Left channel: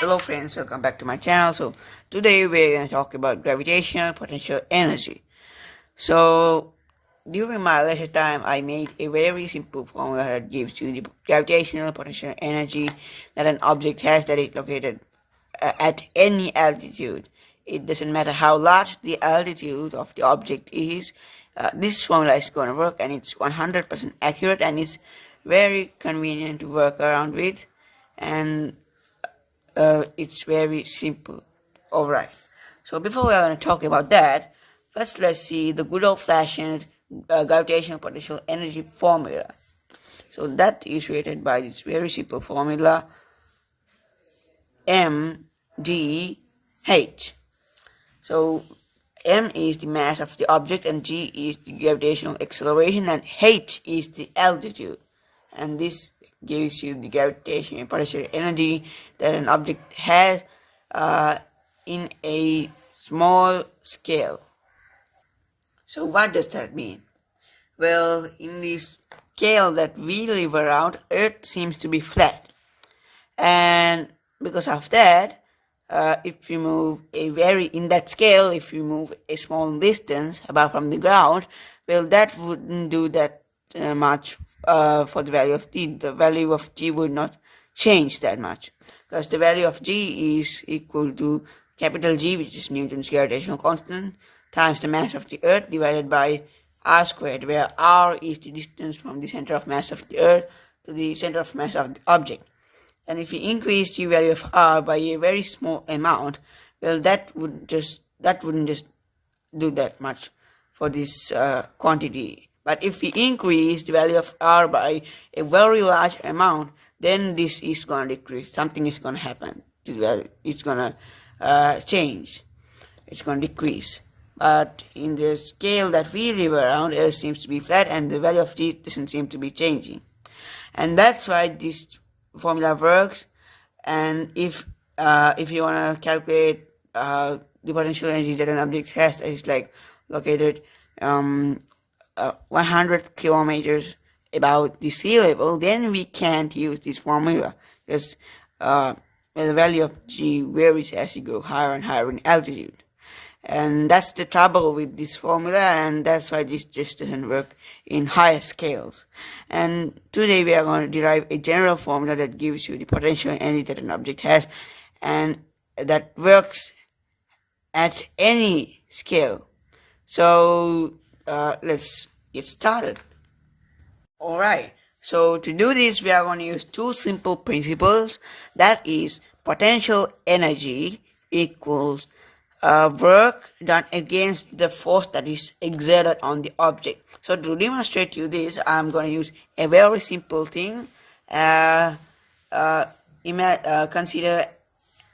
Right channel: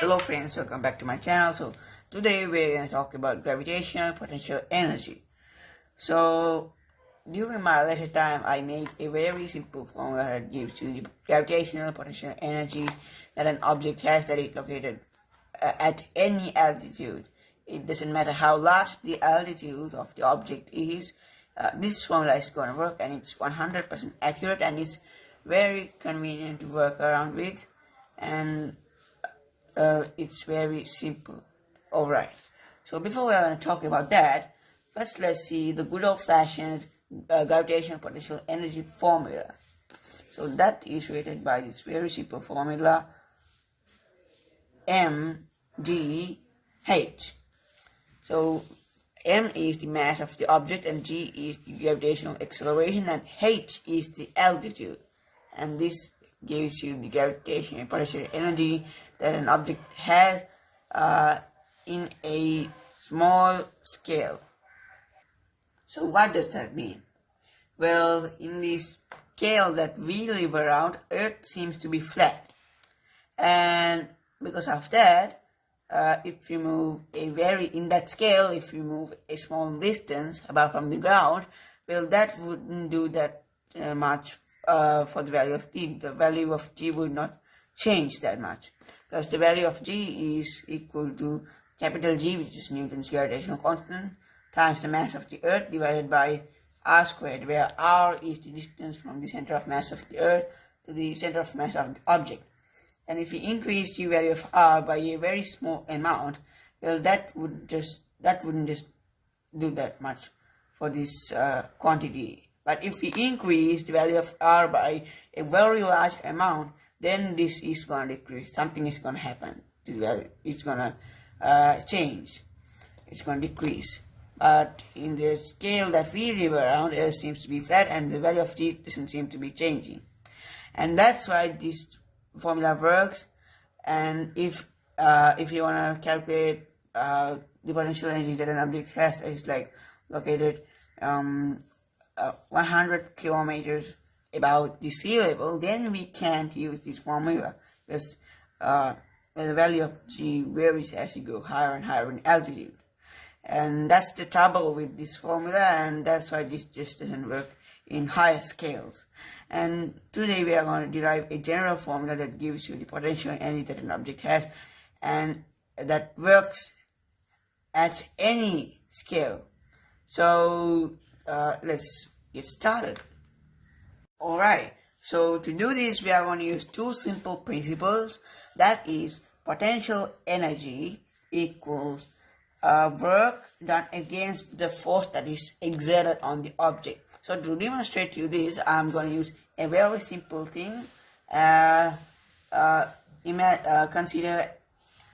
Hello friends, welcome back to my channel. So today we're going to talk about gravitational potential energy. So during my leisure time, I made a very simple formula that gives you the gravitational potential energy that an object has that is located at any altitude. It doesn't matter how large the altitude of the object is. This formula is going to work, and it's 100% accurate, and it's very convenient to work around with, and it's very simple. Alright, so before we're going to talk about that, first let's see the good old-fashioned gravitational potential energy formula. So that is created by this very simple formula, mgh. So m is the mass of the object, and g is the gravitational acceleration, and h is the altitude. And this gives you the gravitational potential energy that an object has in a small scale. So what does that mean? Well, in this scale that we live around, Earth seems to be flat, and because of that, if you move in that scale, if you move a small distance above from the ground, well, that wouldn't do that much for the value of t. The value of g would not change that much, because the value of g is equal to capital G, which is Newton's gravitational constant, times the mass of the Earth divided by r squared, where r is the distance from the center of mass of the Earth to the center of mass of the object. And if you increase the value of r by a very small amount, well, that wouldn't just do that much for this quantity. But if we increase the value of r by a very large amount, then this is going to decrease. Something is going to happen to the value. It's going to change. It's going to decrease. But in the scale that we live around, Earth seems to be flat, and the value of g doesn't seem to be changing. And that's why this formula works. And if you want to calculate the potential energy that an object has that is like located 100 kilometers above the sea level, then we can't use this formula, because the value of g varies as you go higher and higher in altitude. And that's the trouble with this formula, and that's why this just doesn't work in higher scales. And today we are going to derive a general formula that gives you the potential energy that an object has, and that works at any scale. So let's get started. Alright, so to do this, we are going to use two simple principles. That is, potential energy equals work done against the force that is exerted on the object. So to demonstrate you this, I'm going to use a very simple thing. Consider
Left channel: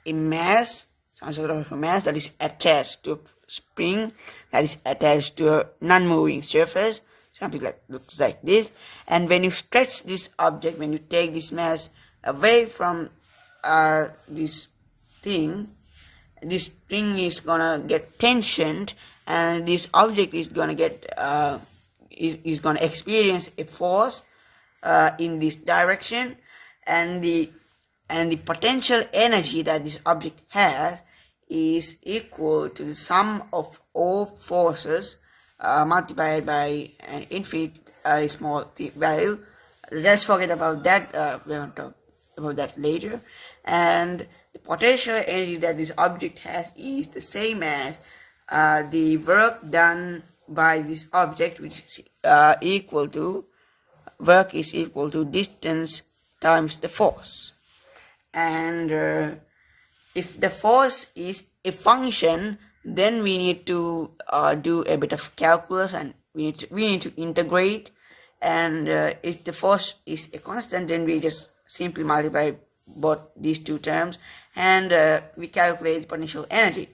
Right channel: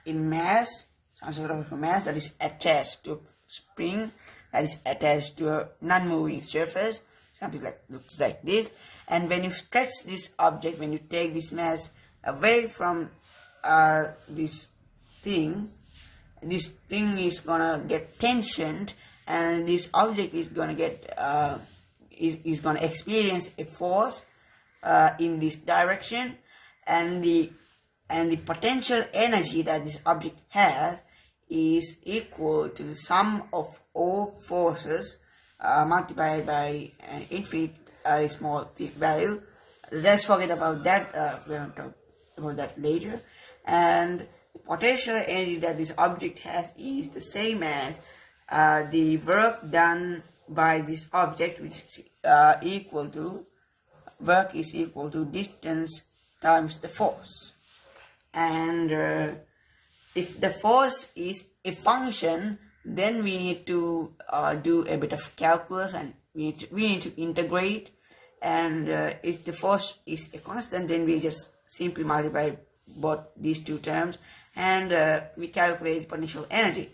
a mass, some sort of a mass that is attached to a spring that is attached to a non-moving surface. Something looks like this. And when you stretch this object, when you take this mass away from this thing, this spring is gonna get tensioned, and this object is gonna get is gonna experience a force in this direction, and the potential energy that this object has is equal to the sum of all forces multiplied by an infinite small value. Let's forget about that. We're going to talk about that later. And the potential energy that this object has is the same as the work done by this object, which is equal to distance times the force. And if the force is a function, then we need to do a bit of calculus, and we need to integrate. And if the force is a constant, then we just simply multiply both these two terms, and we calculate the potential energy.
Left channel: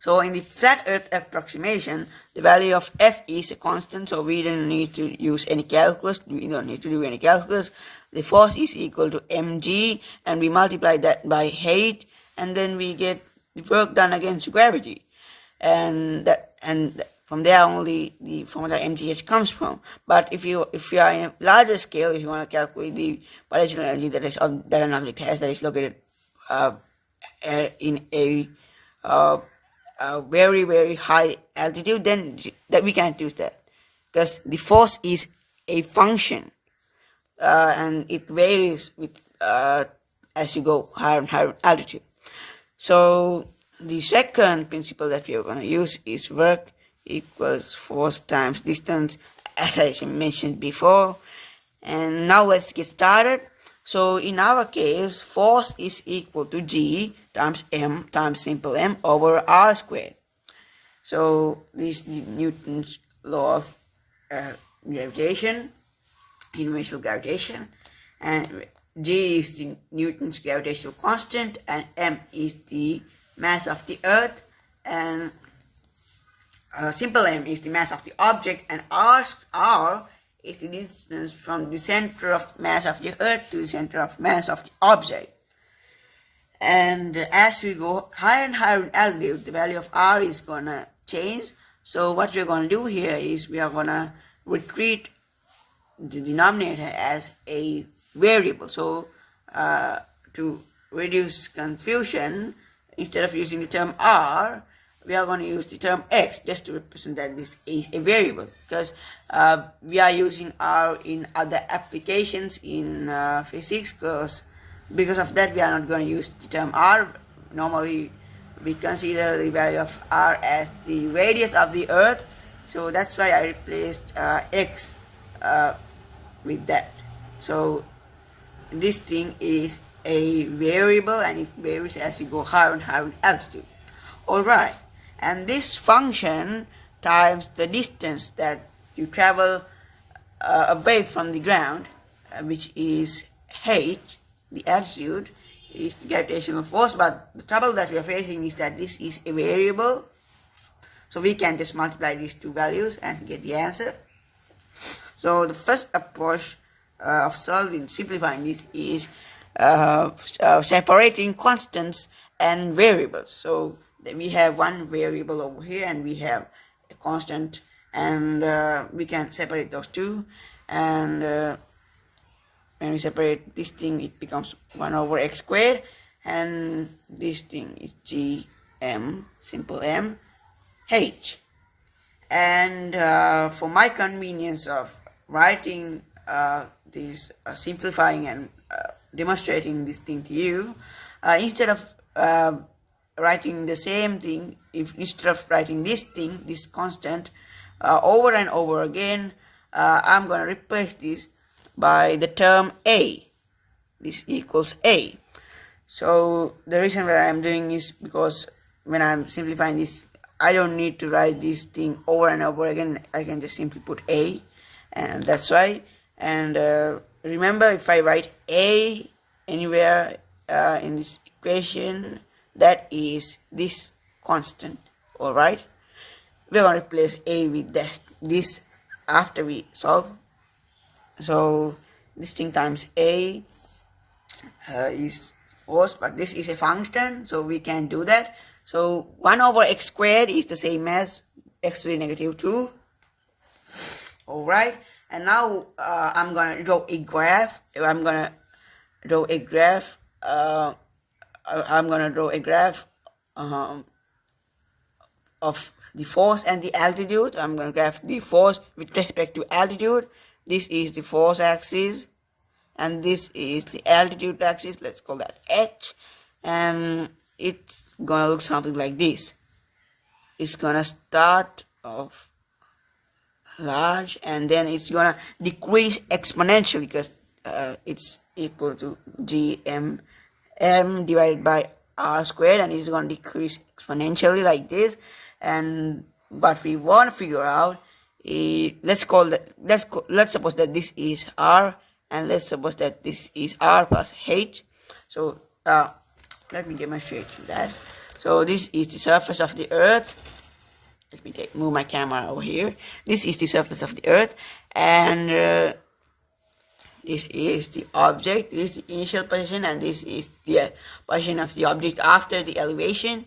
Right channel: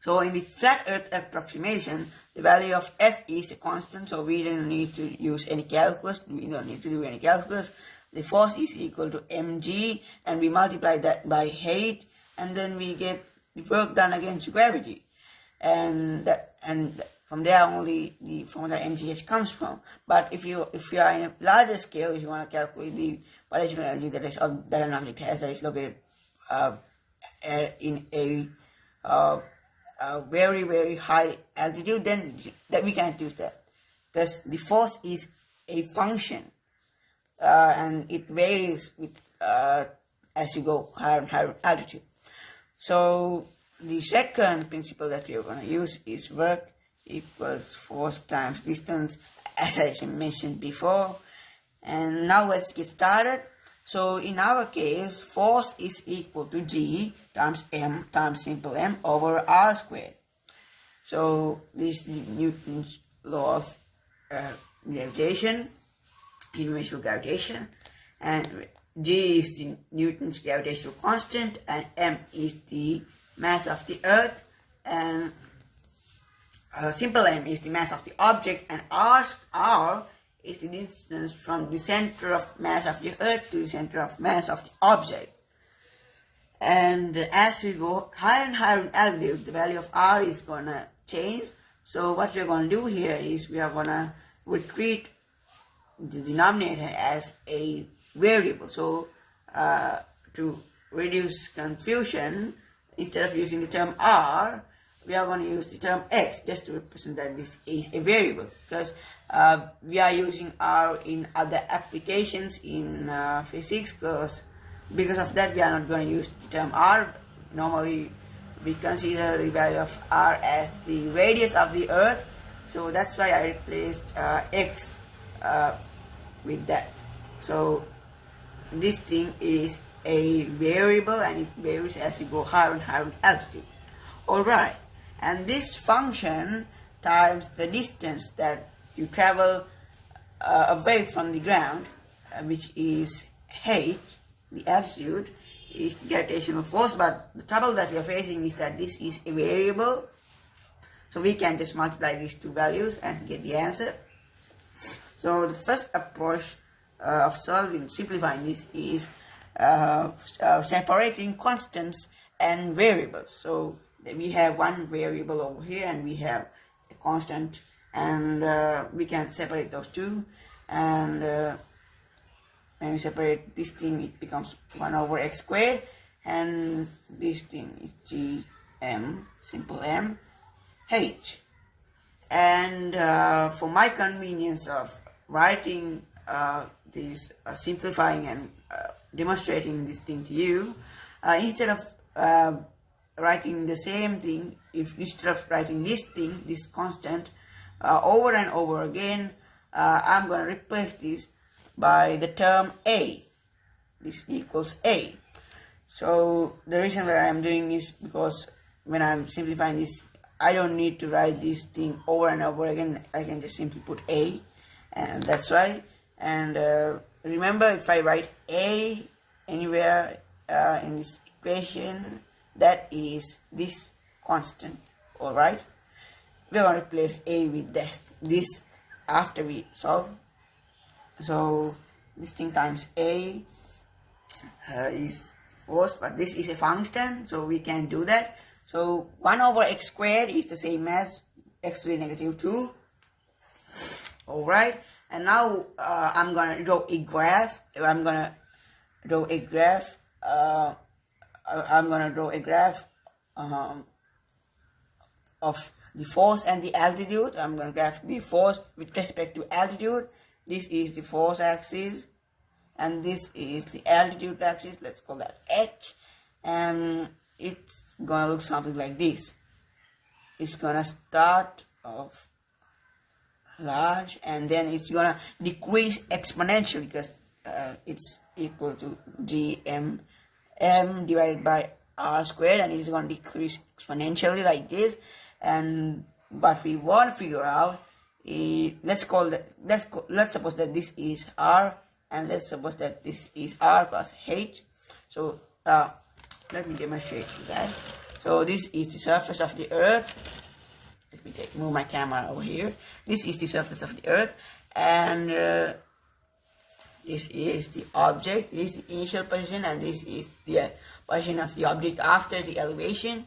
So in the flat Earth approximation, the value of F is a constant, so we don't need to use any calculus. We don't need to do any calculus. The force is equal to mg, and we multiply that by height, and then we get the work done against gravity. And from there only the formula mgh comes from. But if you are in a larger scale, if you want to calculate the potential energy that an object has that is located in a very, very high altitude, then that we can't use that, because the force is a function, and it varies with as you go higher and higher altitude. So the second principle that we are going to use is work equals force times distance, as I mentioned before. And now let's get started. So in our case, force is equal to G times M times simple M over R squared. So this is Newton's law of gravitation, universal gravitation, and G is the Newton's gravitational constant, and M is the mass of the earth, and simple M is the mass of the object, and R is the distance from the center of mass of the earth to the center of mass of the object. And as we go higher and higher in altitude, the value of R is going to change. So what we're going to do here is we are going to treat the denominator as a variable. So to reduce confusion, instead of using the term R, we are going to use the term X just to represent that this is a variable, because we are using R in other applications in physics. Because of that, we are not going to use the term R. Normally we consider the value of R as the radius of the earth, so that's why I replaced X with that. So this thing is a variable, and it varies as you go higher and higher in altitude. Alright, and this function times the distance that you travel away from the ground, which is h, the altitude, is the gravitational force. But the trouble that we are facing is that this is a variable, so we can just multiply these two values and get the answer. So the first approach of simplifying this is separating constants and variables. So we have one variable over here, and we have a constant, and we can separate those two. And when we separate this thing, it becomes 1 over x squared, and this thing is gm, simple m, h. And for my convenience of writing this, simplifying and demonstrating this thing to you, instead of writing the same thing, instead of writing this thing, this constant, over and over again, I'm going to replace this by the term A. This equals A. So the reason why I'm doing is because when I'm simplifying this, I don't need to write this thing over and over again. I can just simply put A, and that's why. And remember, if I write A anywhere in this equation, that is this constant. Alright, we're going to replace A with this after we solve. So this thing times A is force, but this is a function, so we can do that. So 1 over x squared is the same as x to the negative 2. Alright, and now I'm going to draw a graph. I'm going to draw a graph of the force and the altitude. I'm going to graph the force with respect to altitude. This is the force axis, and this is the altitude axis. Let's call that h, and it's going to look something like this. It's going to start off large, and then it's going to decrease exponentially, because it's equal to gm m divided by r squared, and it's going to decrease exponentially like this. And what we want to figure out is, let's suppose that this is r, and let's suppose that this is r plus h. So let me demonstrate that. So this is the surface of the earth. Let me move my camera over here. This is the surface of the earth, and this is the object. This is the initial position, and this is the position of the object after the elevation.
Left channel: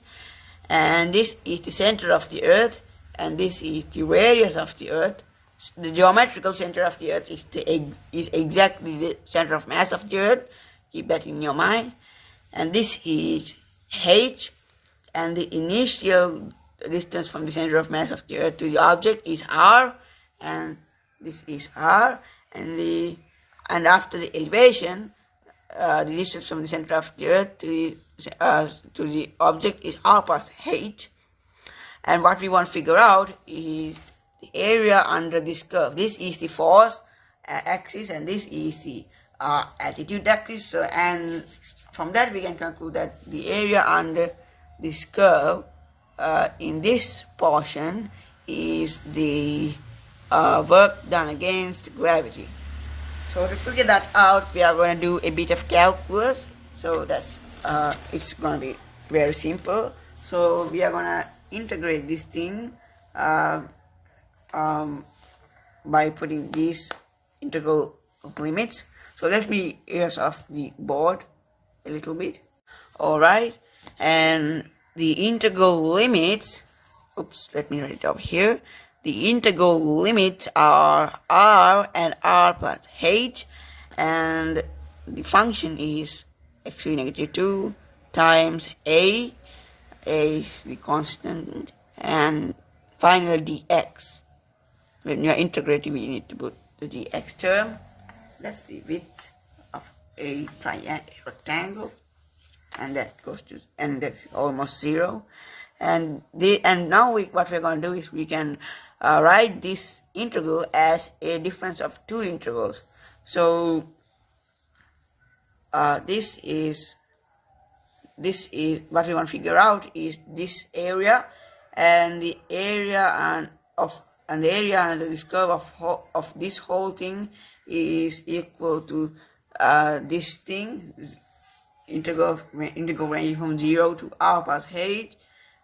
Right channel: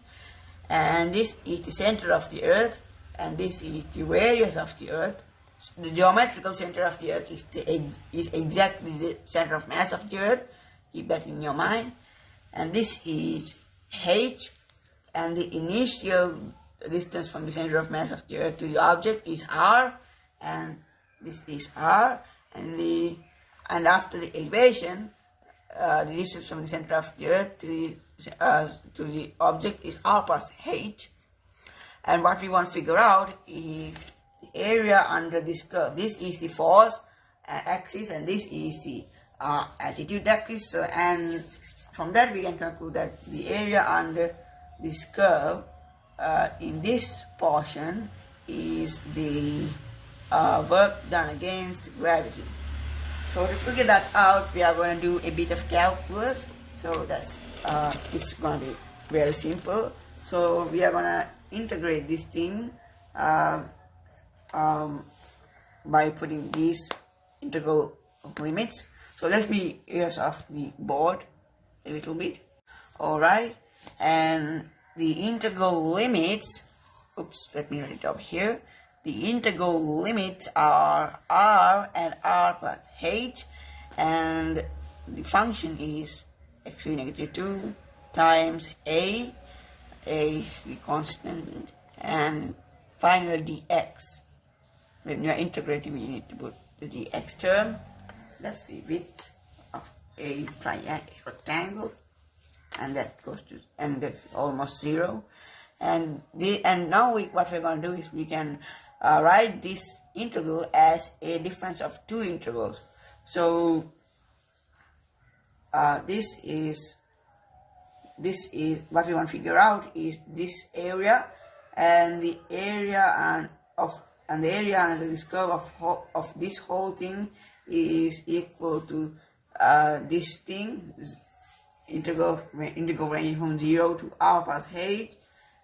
And this is the center of the earth, and this is the radius of the Earth. The geometrical center of the Earth is exactly the center of mass of the Earth. Keep that in your mind. And this is h, and the initial distance from the center of mass of the Earth to the object is r, and this is r, and after the elevation, the distance from the center of the Earth to the object is r plus h. And what we want to figure out is the area under this curve. This is the force axis, and this is the altitude axis. So, and from that we can conclude that the area under this curve in this portion is the work done against gravity. So to figure that out, we are going to do a bit of calculus. So that's it's going to be very simple. So we are going to integrate this thing by putting these integral limits. So let me erase off the board a little bit. Alright, and the integral limits, let me write it over here. The integral limits are r and r plus h, and the function is x to the negative 2 times a is the constant, and finally dx. When you are integrating, you need to put the dx term. That's the width of a rectangle, and that goes to, and that's almost 0. And now what we're going to do is we can write this integral as a difference of two integrals. So this is what we want to figure out is this area, and the area the area under this curve of this whole thing is equal to this thing, integral ranging from 0 to r plus h,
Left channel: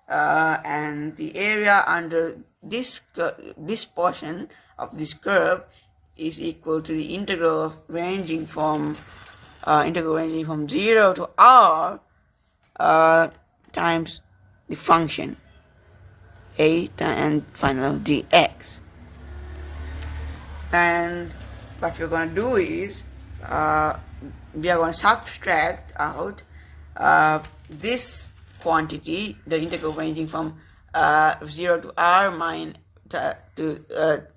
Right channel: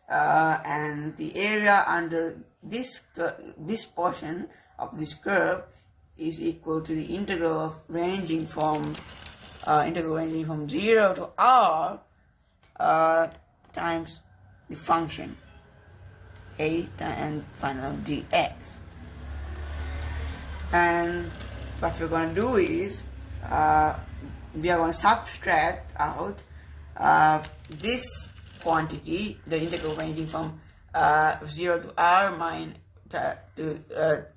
and the area under this portion of this curve is equal to the integral ranging from 0 to r times the function a and finally dx. And what we're going to do is we are going to subtract out this quantity, the integral ranging from 0 to r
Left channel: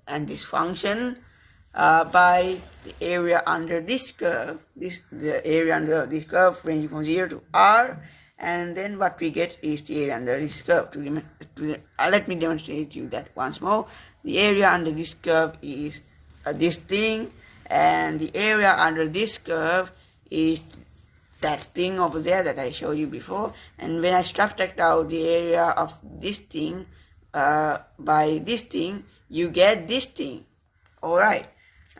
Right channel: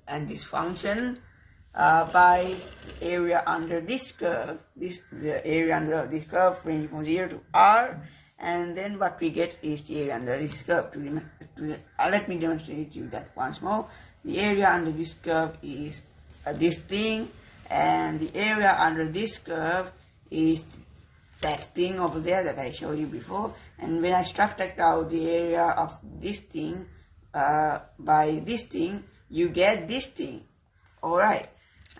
and this function by the area under this curve, the area under this curve ranging from 0 to r, and then what we get is the area under this curve. Let me demonstrate you that once more. The area under this curve is this thing, and the area under this curve is that thing over there that I showed you before. And when I subtract out the area of this thing by this thing, you get this thing. Alright,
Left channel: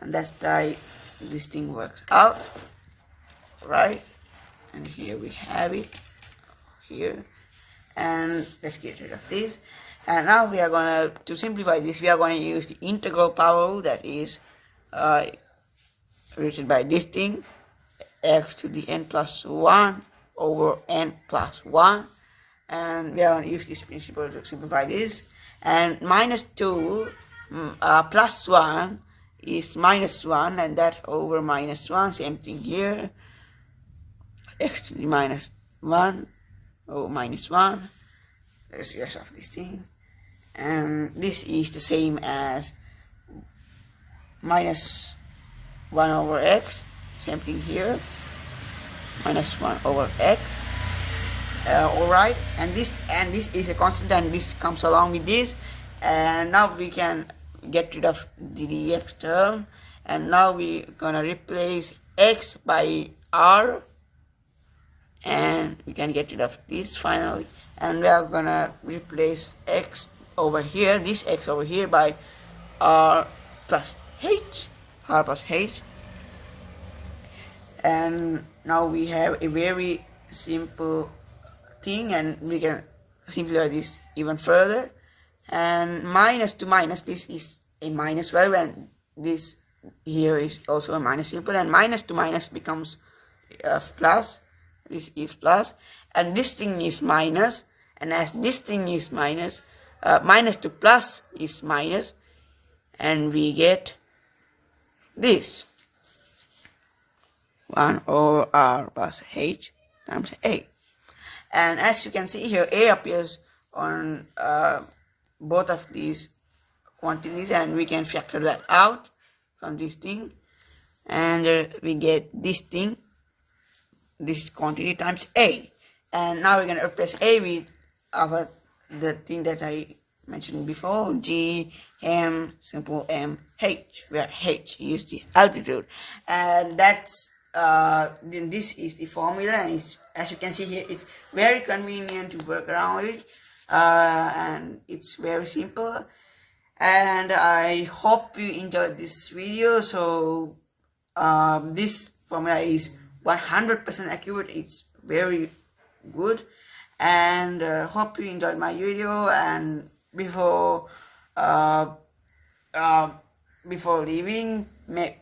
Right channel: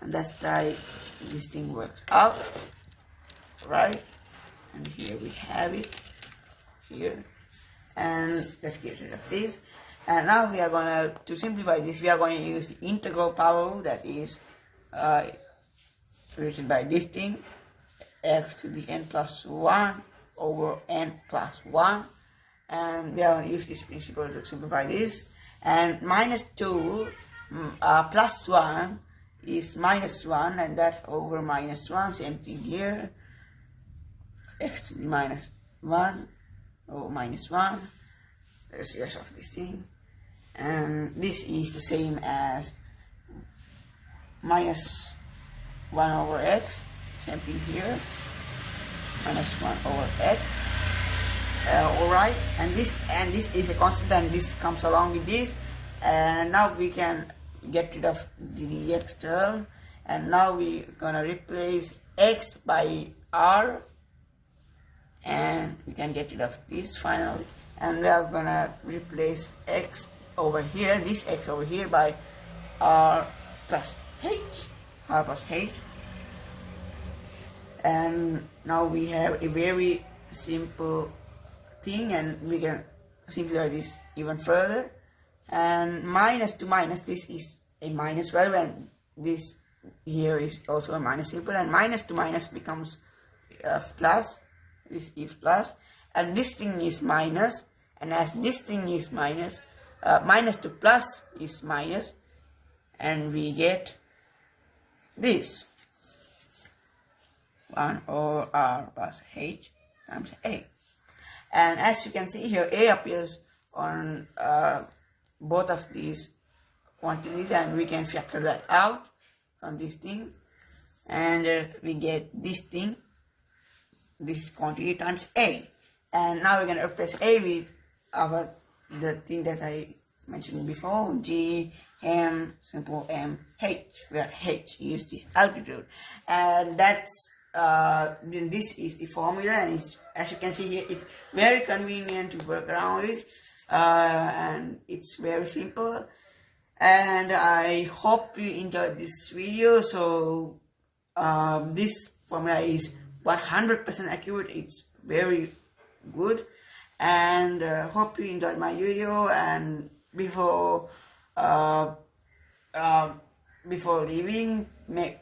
and that's how this thing works out. Right, and here we have it here, and let's get rid of this. And now we are going to simplify this, we are going to use the integral power rule, that is written by this thing, x to the n plus 1 over n plus 1, and we are going to use this principle to simplify this. And minus 2 plus 1 is minus 1, and that over minus 1, same thing here, x to the minus 1 over minus 1, there's the rest of this thing, and this is the same as minus 1 over x, same thing here, minus 1 over x. Alright, and this is a constant, and this comes along with this, and now we can get rid of the dx term, and now we're gonna replace x by r, and we can get rid of this finally, and we are gonna replace x over here, this x over here, by r plus h, and now we have a very simple thing, and we can simplify this even further. And minus to minus, this is a minus value, and this here is also a minus symbol, and minus to minus becomes plus. This is plus, and this thing is minus, and as this thing is minus, minus to plus is minus, and we get this 1 over r plus h times a. And as you can see here, a appears on both of these quantities, and we can factor that out from this thing, and we get this thing, this quantity times a. And now we're going to replace a with the thing that I mentioned before, g m simple m h, where h is the altitude. And that's then this is the formula, and as you can see here, it's very convenient to work around it, and it's very simple. And I hope you enjoyed this video. So this formula is 100% accurate. It's very good, and hope you enjoyed my video. And before leaving,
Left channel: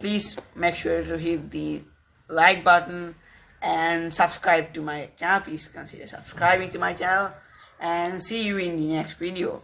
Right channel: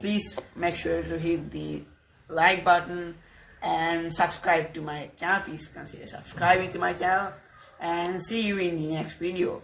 please make sure to hit the like button and subscribe to my channel. Please consider subscribing to my channel, and see you in the next video.